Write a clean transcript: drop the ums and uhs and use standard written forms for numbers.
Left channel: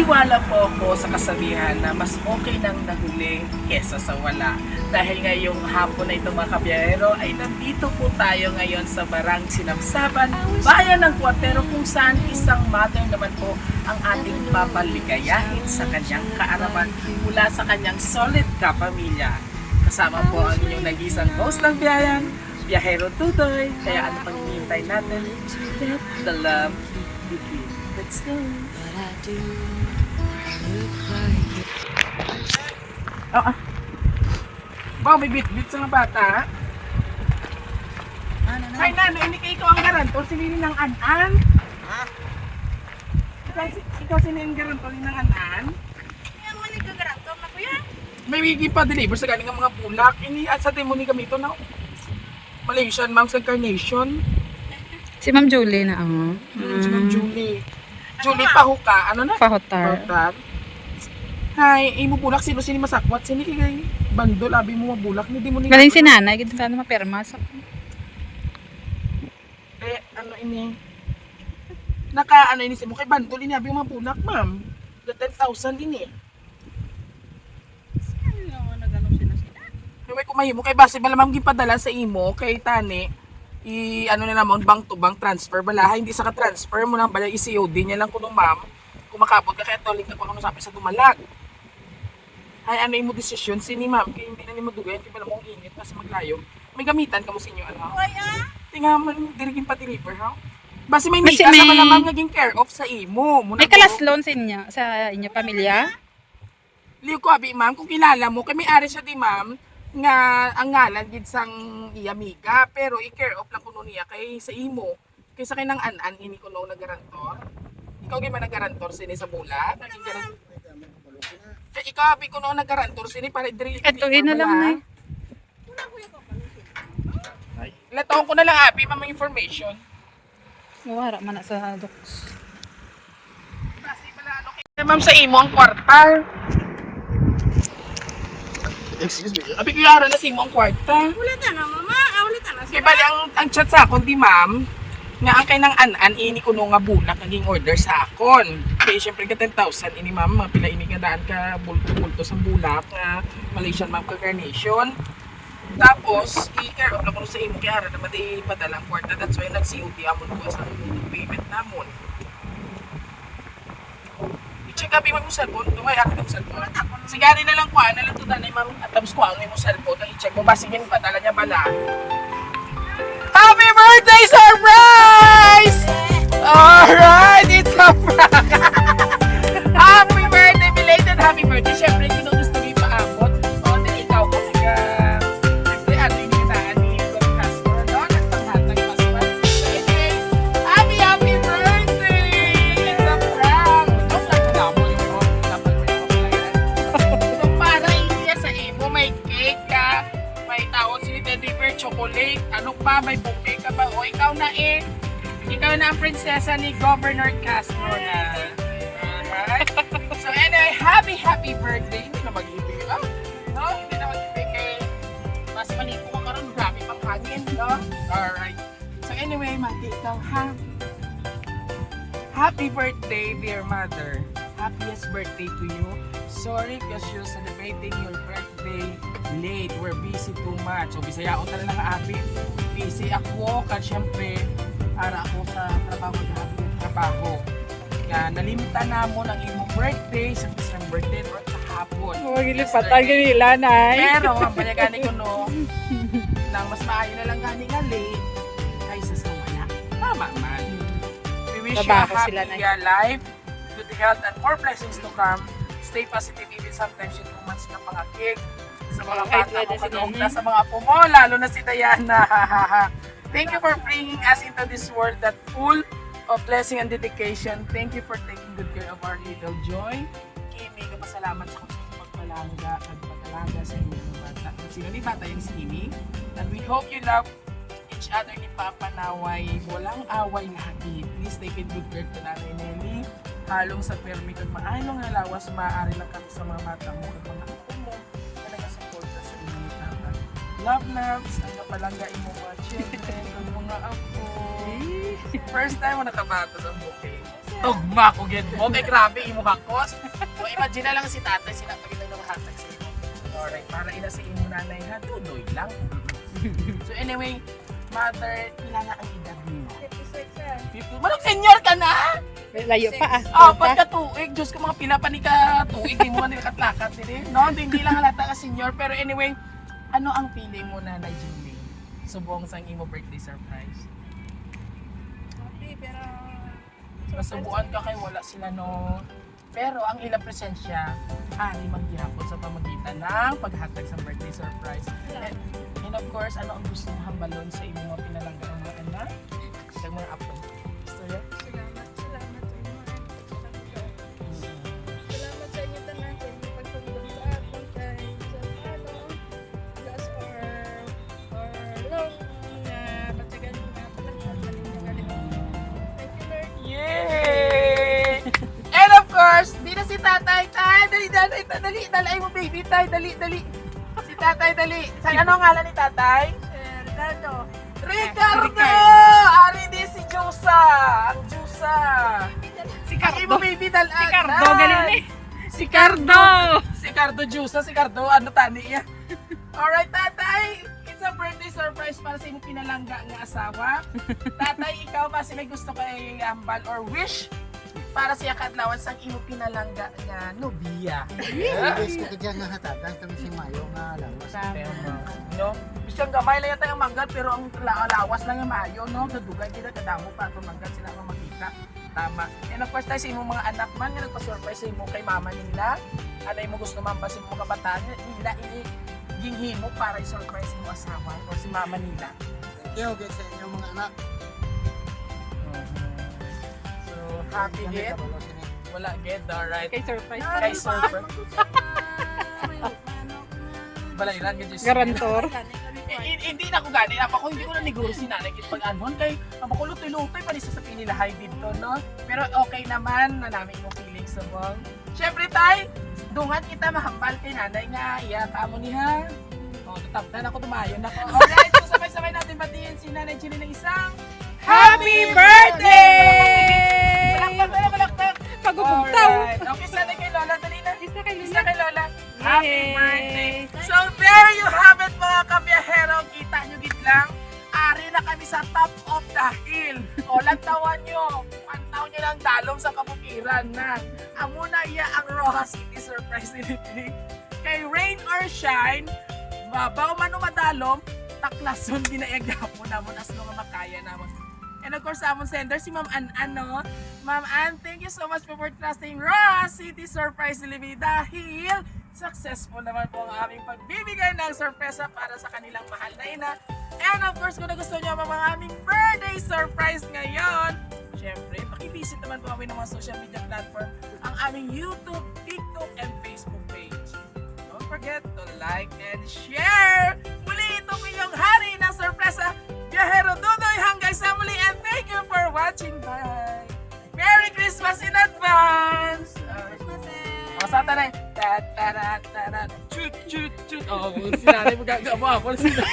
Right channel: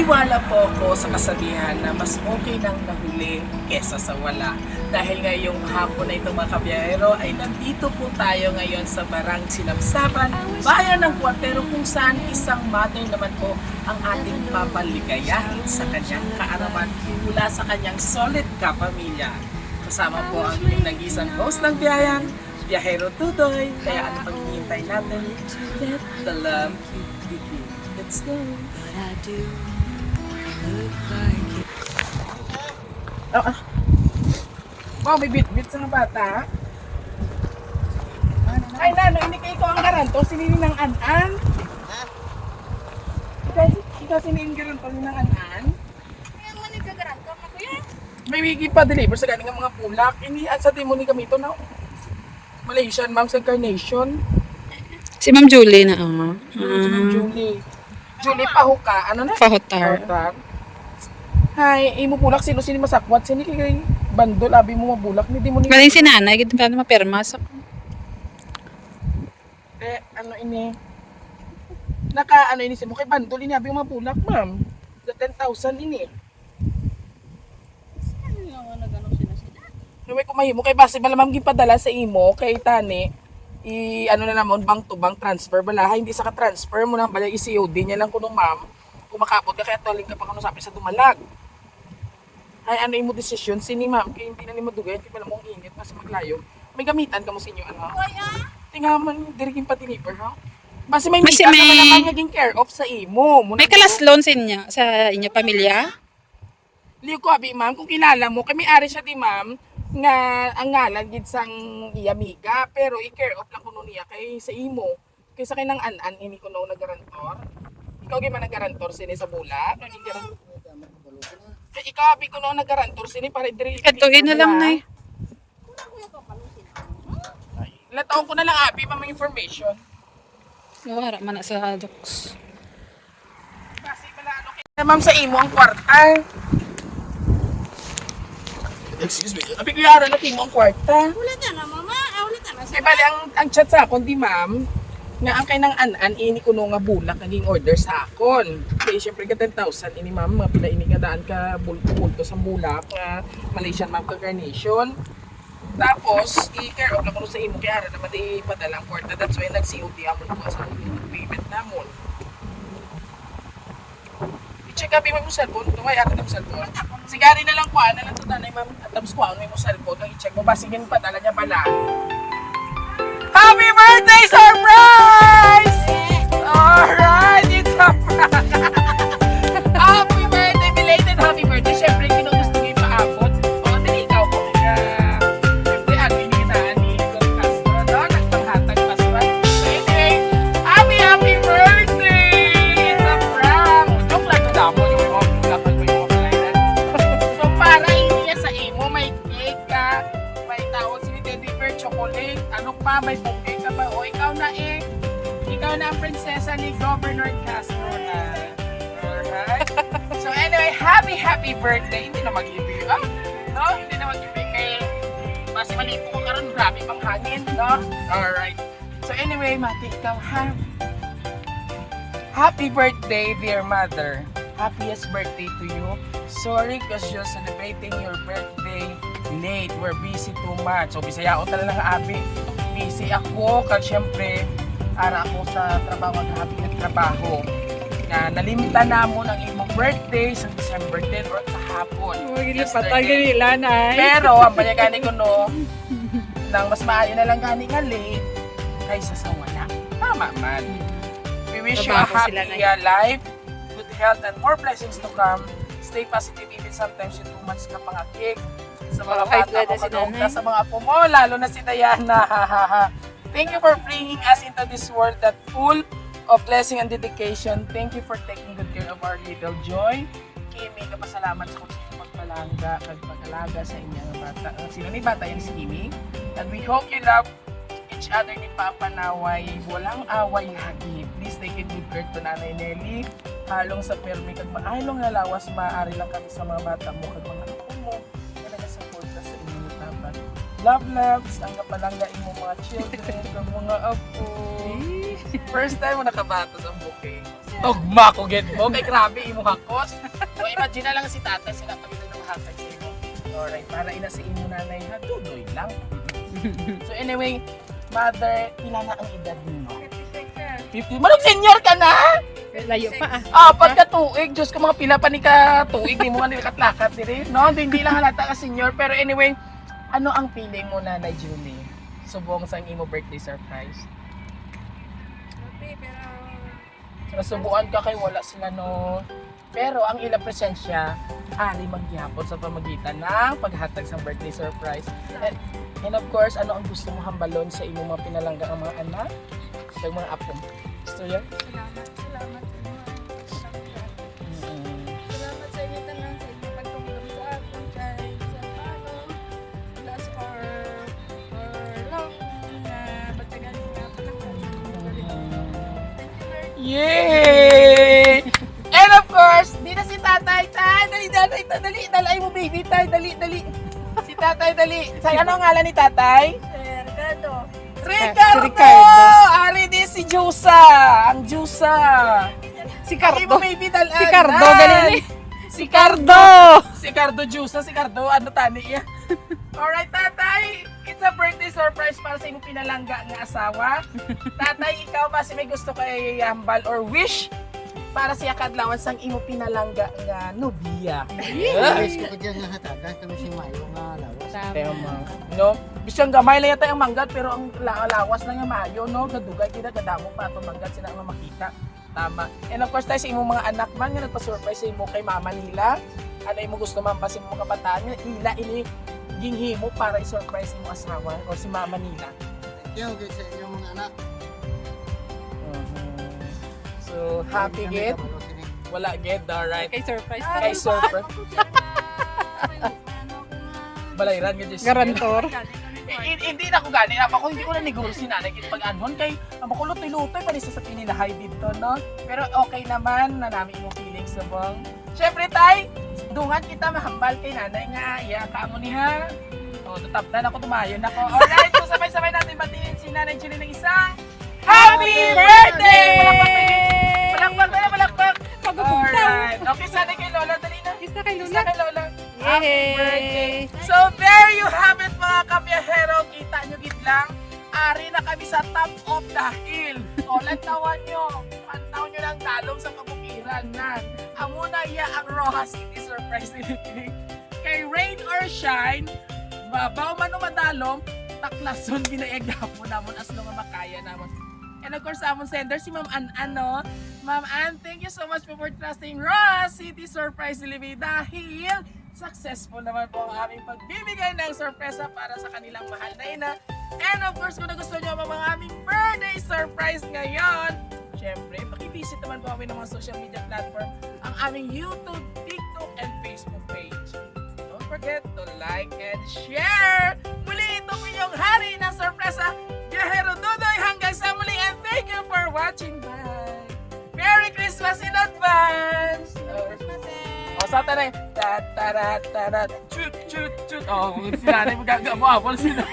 Naniniwala po ako sa kasabihan na mas okay nang nahuli kesa sa wala. Dahil ngayong hapon na ito mga kabiyahero ay nandito po tayo ngayon sa Barang Sinabsaban, bayan ng Cuartero kung saan isang mother naman po ang ating papaligayahin sa kanyang kaarawan mula sa kanyang solid kapamilya. Kasama po ang inyong nag-isang host ng biyayan, Biyahero Tutoy. Kaya ano pang hinihintay natin? Let the love begin. Let's go! But I do look like you. Ba, may bit-bit sa mga bata. Ay, nana, hindi kayo ang garanto. Sinini ng an-an? Ha? Ikaw sinini ang garanto ng an-an? Kaya mo nagkagaranto na kuya. May wigi pa deliver sa galing ng mga pulak. Ini at sa timoni kami ito na Malaysian, ma'am, sa Carnation. Si Ma'am Julie na ako. Si Ma'am Julie. Julie Pahuka. Ano na? Pahotar. Pahutar. Hi, imo bulak sino masakwat? Sini kay bandol abi mo mabulak ni di mo ni. Maling si nanay, gito ka na mapirma. So, Ano ini? Ano ini si mo kay bandol ini abi mo mabulak, ma'am. 10,000 ini. Ano naman nagano sila? Huwag ko mahimo kay base malamang gipadala sa imo kay tani ano na namon bank to bank transfer bala hindi sa ka-transfer mo lang bala i-COD niya lang kuno ma'am kumakabot ka kaya toling ka pa kuno sabi sa dumalag ay ano imo desisyon sini ma'am kay hindi na nimo dugay kay pala mo init mas maglayo may gamitan ka mo sa inyo ano Oy tinga man dirigin pa deliver ha base may Basi mita may- sa malamang naging care of sa imo may kalasloan sa inyo, sa inyo pamilya? liyo ko abi ma'am kung kilala mo kay may ari siya di ma'am nga ang ngalan gid sang iya amiga pero i-care off lang kuno niya kay sa imo kay sa kinang an-an ini kuno na garantor ikaw gyud man nagarantor sini sa bula naging garantor kay ikaw abi kuno na garantor sini para diri Ito, na lang na eh. Lataon ko na lang abi mama information Oo, harap man na sa docs. kasi pala ano kay ma'am sa imo ang kwarta. Excuse me. Abi kaya na sa imo ang kwarta. Ulit na mama. Ulit na Di ba ang chat sa akon di ma'am, nga ang kay nang an-an ini kuno nga bulak naging order sa akon. Kaya syempre ka 10,000 ini ma'am, mga pila ini nga daan ka bulto-bulto sa bulak nga Malaysian ma'am ka Carnation. Tapos, i-care off na kuno sa imo kaya ara naman ipadala ang kwarta. That's why nag-COD amon ko sa payment namon. I-check abi mo yung cellphone, dumay ako yung cellphone. Sigari na lang ko, na lang to danay ma'am. At tapos ko ano yung cellphone, nang i-check mo ba sige padala niya bala. Happy birthday surprise! Alright, it's a prank! Happy birthday, belated happy birthday. Siyempre, kung gusto mo ipaabot, di ikaw ko kaya, siyempre, ano yung ginaan ni Don Castro, no? Nagpanghatag paswa. So anyway, happy birthday! It's a prank! Joke lang na damo yung mga lapit ko yung mga So para hindi sa imo, may cake ka, may tawag si Teddy Bear chocolate, ano pa, may bouquet ka pa, o ikaw na ikaw na ang prinsesa ni Governor Castro na. Alright? So anyway, happy birthday. Hindi na mag-ibig ka. No? Hindi na mag-ibig kay mas malito ka karon, grabe pang hangin, no? Alright. So anyway, Mati, ikaw happy birthday, dear mother. Happiest birthday to you. Sorry because you're celebrating your birthday late. We're busy too much. So, bisaya ako talaga abi. Busy ako kasi syempre ara ako sa trabaho at happy trabaho. Na nalimita na mo ng imong birthday sa December 10 or kahapon. Magilipatan ganila na Pero, ang bayagani ko no, nang mas maaari na lang gani nga late, ay sasawa na. Tama man. We wish you a Trabaho sila happy na. life, good health, and more blessings to come. Stay positive even sometimes yung months na pangakig. Sa mga Kahit bata wala ko si kadungga, nanay. sa mga apo mo, lalo na si Diana. Thank you for bringing us into this world that full of blessing and dedication. Thank you for taking good care of our little Joy. Kimi, kapasalamat sa pagpalaga sa inyong mga bata. Sino ni bata yung si Kimi? And we hope you love each other ni Papa Naway. Walang away na hagit. Please take a good care to Nanay Nelly. Halong sa permi kag maayong nalawas maaari lang kami sa mga bata mo kag mga apo mo. Talaga support ka sa inyo ni Papa. Love loves ang kapalangga imo mga children, ang mga apo. First time mo nakabato ng bouquet. Tugma ko get mo. Kay grabe imo hakos. So imagine na lang si tatay sila pag hatag sa imo. Alright, para ina sa imo nanay ha. Tuloy lang. So anyway, mother, pila na ang edad mo? 56 yan. 50. Manong senior ka na? Layo pa ah. Ah, pagkatuig, Diyos ko mga pila pa ni katuig, di mo man nilakad-lakad din. No, hindi lang halata ka senior. Pero anyway, ano ang feeling mo, Nanay Julie? Subong sa imo birthday surprise. Happy, pero... Nasubuan ka kay wala sila no. Pero ang ilang presensya, hari magyapon sa pamagitan ng paghatag sa birthday surprise. And of course, ano ang gusto mo hambalon sa imo mga pinalangga ang mga anak? Sa mga apo. Gusto yan? Salamat sa inyo. Salamat sa inyo tanan sa inyo pagtulong sa akong kahit sa paano last or long na patagan nga palakad sa inyo galing. Thank you Lord. Yay! And of course, di na si tatay. Dali mo baby, tay, dali. Si tatay, dali. Sa ano ang ngalan ni tatay? Ricardo. Ricardo! Ari di si Jusa. Ang Jusa. Si Kaki mo baby dalan. Si Cardo, ganun eh. Si Cardo! Si Cardo Jusa, si Cardo, ano tani niya? Alright, tatay. It's a birthday surprise para sa iyong pinalangga ng asawa. Tatay, ikaw ba si may gusto kay hambal or wish para siya kadlawan sang imo pinalangga nga nobiya? Guys ko kaya nga hatagan kami si Mayo nga lawas. No? Bisyang gamay lang yata yung manggat pero ang lawas lang yung mayo, no? Kadugay kita kadamo pa itong manggat sila nga makita. Tama. And of course tayo sa imong mga anak man nga nagpa-surprise sa imo kay mama nila. Ano yung gusto man pa sa imong kabataan nila ini ginghimo para i-surprise mo asawa o si mama nila. Thank you guys sa inyong mga anak. So happy gid. Wala gid, alright. Kay surprise pa. Kay surprise. Balayran gid just. Garantor. Hindi na ako gani. Ako hindi ko na neguro si nanay kit pag anhon kay makulut-lutoy pa rin sa pinilahay dito, no? Pero okay naman na namin yung feelings sa bong. Syempre tay, dungan kita mahambal kay nanay nga. Iyata mo ni ha. O, tatapdan ako, tumayon ako. Alright, so sabay-sabay natin batiin si Nanay Julie ng isang Happy Birthday! Balakpak! Alright, okay, sana kay Lola. Dali na. Isa kay Isa Luna. kay Lola. Happy Yay! birthday! So there you have it mga kabiyahero. Kita nyo gid lang. Ari na kami sa top of the hill. O, lantawan nyo. Pantaw nyo lang dalong sa kabukiran na. Amuna iya ang Rojas City Surprise Delivery. Kay rain or shine, babaw man o madalom, taklason binayagapo namon as nga makaya namon. And of course, amon sender si Ma'am Ann, no? Ma'am Ann, thank you so much for trusting Rojas City Surprise Delivery dahil successful naman po ang aming pagbibigay ng sorpresa para sa kanilang mahal na ina. And of course, kung nagustuhan nyo ang aming birthday surprise ngayon, syempre, pakivisit naman po kami ng mga social media platform, ang aming YouTube, TikTok, and Facebook page. Don't forget to like and share! Muli itong inyong hari ng sorpresa, Biyahero Dudoy hanggang sa muli, and thank you for watching. Bye! Merry Christmas in advance! O, sa tayo na, chut chut chut. O, sinanay mo gagawin mo, sila.